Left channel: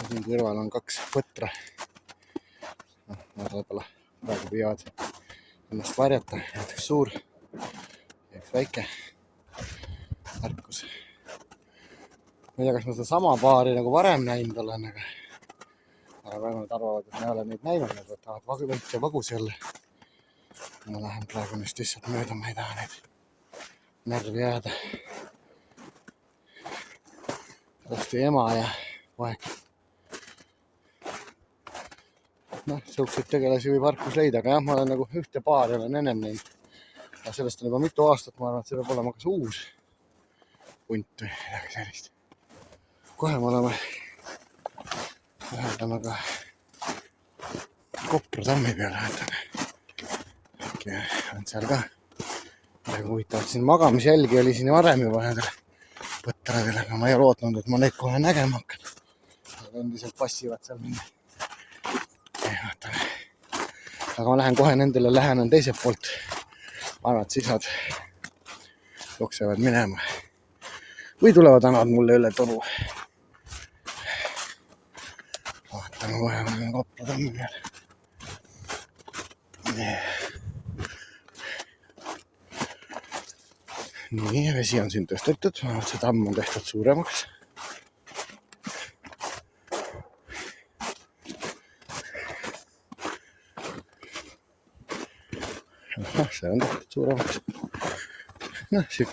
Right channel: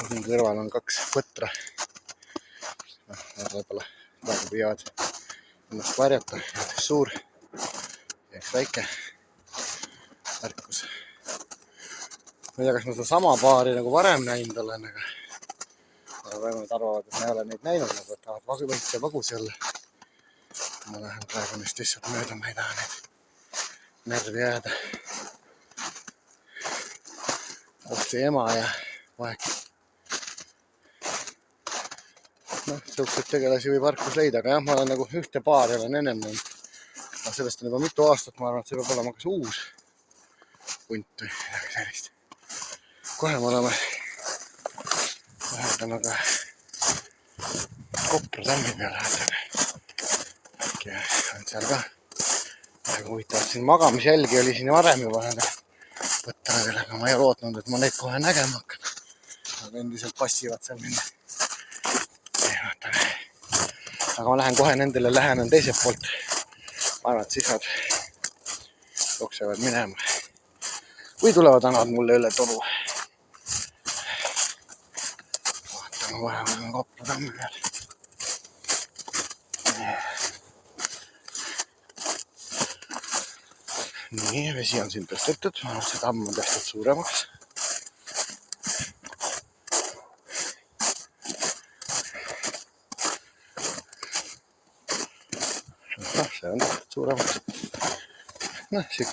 Siin kõrval on 2 põtra. Nad võib-olla praegu püüavad ennast varjata. Üks suur ja üks väike ärkus. Ma ei tea, kas ma seda sama paari nagu varem näinud olen, aga praegu nad arvavad, et ma ei ole neid näinud. Nad võtavad võite vagusi olla. Ma lähen praegu neist lihtsalt mööda, ma ei taha neid närvi jääda. Osti ema ja poeg. Siukseid tegelasi võib Harkus leida, aga jah, ma olen nagu ühte paari olen ennem näinud. Aga sellest on juba mitu aastat, ma arvan, et see peab olema kas uus punt või midagi sellist. Kohe me oleme lähedame ka Kopra tammi peale. Äkki on seal ka huvitav. Siin magamisjälgi oli siin varem juba nendel põtradel, aga ma ei ole lootnud, et ma neid kohe nägema hakkan. Aga endiselt passivad seal minna. Aga ma lähen kohe nendele lähenen teiselt poolt. Ma arvan, et siis nad jooksevad minema. Või tulevad annavad mulle üle toru. Vaatame kohe Kopra tammi peale. Nii, vesi on siin tõstetud. See tamm on tehtud suuremaks. See on tehtud suuremaks.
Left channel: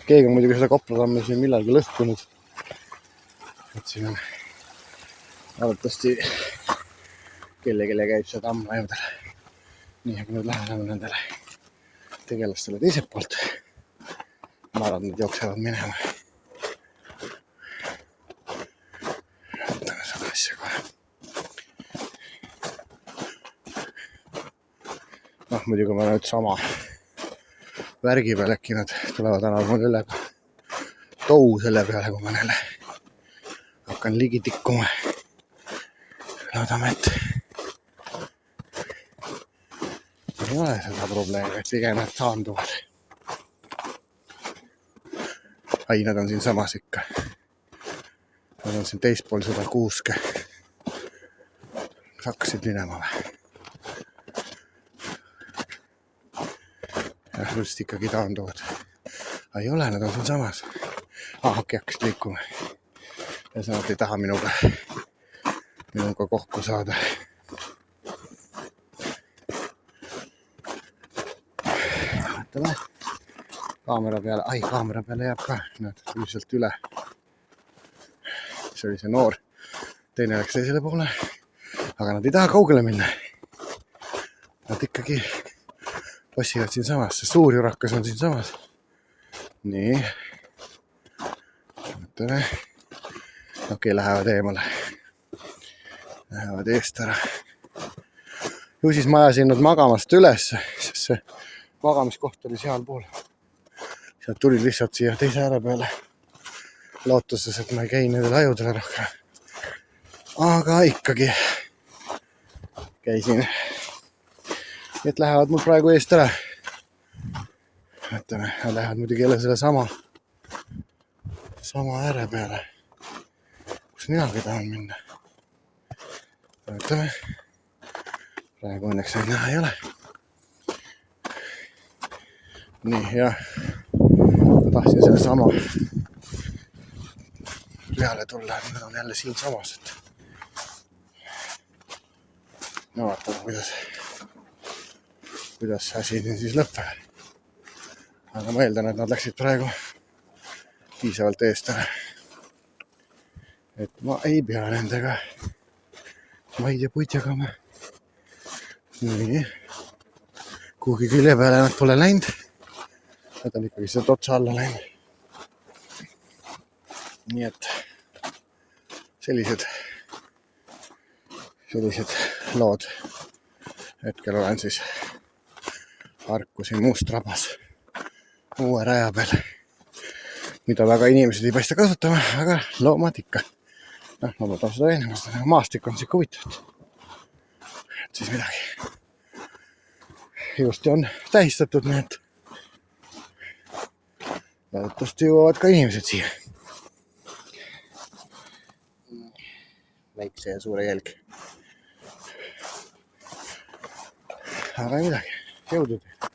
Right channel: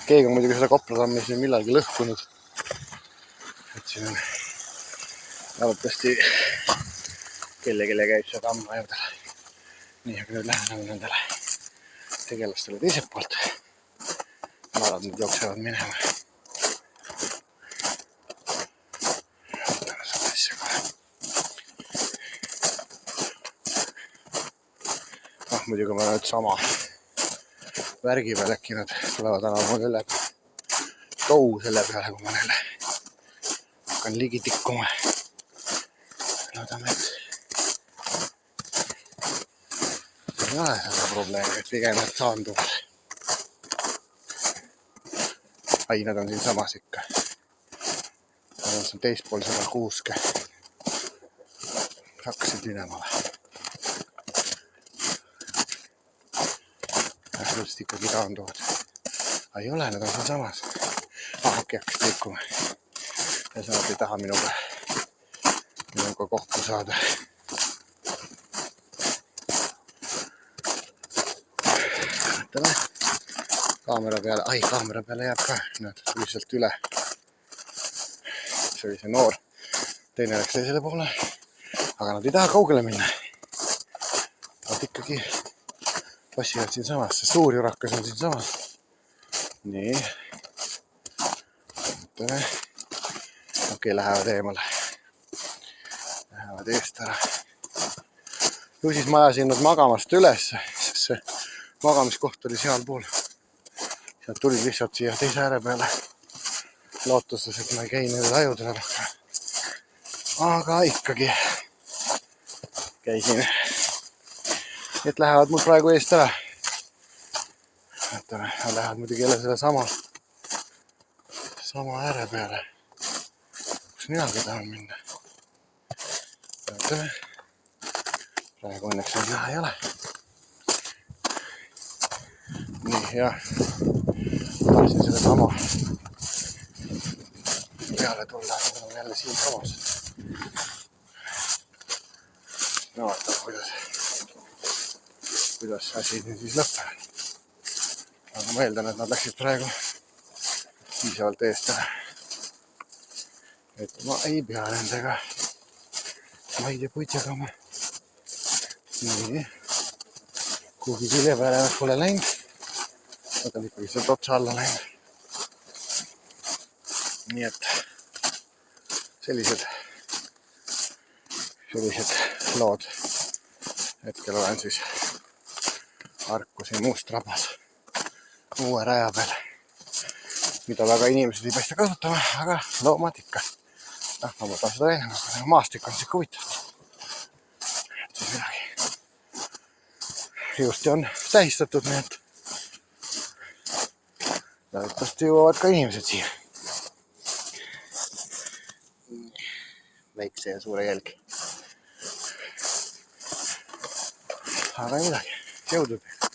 Keegi on muidugi seda Kopra tammi siin millalgi lõhkunud. Et siin on arvatavasti kellelegi käib see tamm ajudele. Nii, aga nüüd lähen nendele tegelastele teiselt poolt. Ma arvan, et nad jooksevad minema. Võtame seda asja kohe. Muidugi ma nüüd sama värgi peal äkki nad tulevad annavad üle tou selle peale, kui ma neile hakkan ligi tikkuma. Loodame, et ei ole seda probleemi, et pigem nad saanduvad. Ai, nad on siin samas ikka. Nad on siin teispool seda kuuske. Hakkasid minema või? Just ikkagi taanduvad. Ei ole, nad on siin samas. Äkki hakkasid liikuma. Ja nad ei taha minuga kokku saada. Vaatame. Kaamera peale jääb ka. Näed, üldiselt üle. See oli see noor. Teine läks teisele poole. Aga nad ei taha kaugele minna. Nad ikkagi passivad siin samas. See suur jurakas on siin samas. Nii. Vaatame. Okei, lähevad eemale. Lähevad eest ära. Ju siis ma ajasin nad magamast üles, sest see magamiskoht oli seal pool. Sealt tulid lihtsalt siia teise ääre peale. Lootuses, et ma ei käi nendel ajudele rohkem. Aga ikkagi käisin. Et lähevad mul praegu eest ära. Vaatame, lähevad muidugi jälle selle sama ääre peale. Kus minagi tahan minna. Vaatame. Praegu õnneks neid näha ei ole. Nii, ja tahtsin selle sama peale tulla, aga nad on jälle siin samas. No vaatame, kuidas asi siis lõpeb. Aga ma eeldan, et nad läksid praegu piisavalt eest ära. Et ma ei pea nendega maid ja puid jagama. Nii. Kuhugi külje peale nad pole läinud. Nad on ikkagi sealt otsa alla läinud. Nii et sellised lood. Hetkel olen siis Harkusi Muustrabas uue raja peal, mida väga inimesed ei paista kasutama, aga loomad ikka. Ma võtan seda enam, maastik on siuke huvitav. Et siis midagi. Ilusti on tähistatud, nii et loodetavasti jõuavad ka inimesed siia. väikse ja suure jälgi. aga ei midagi, jõudu teile!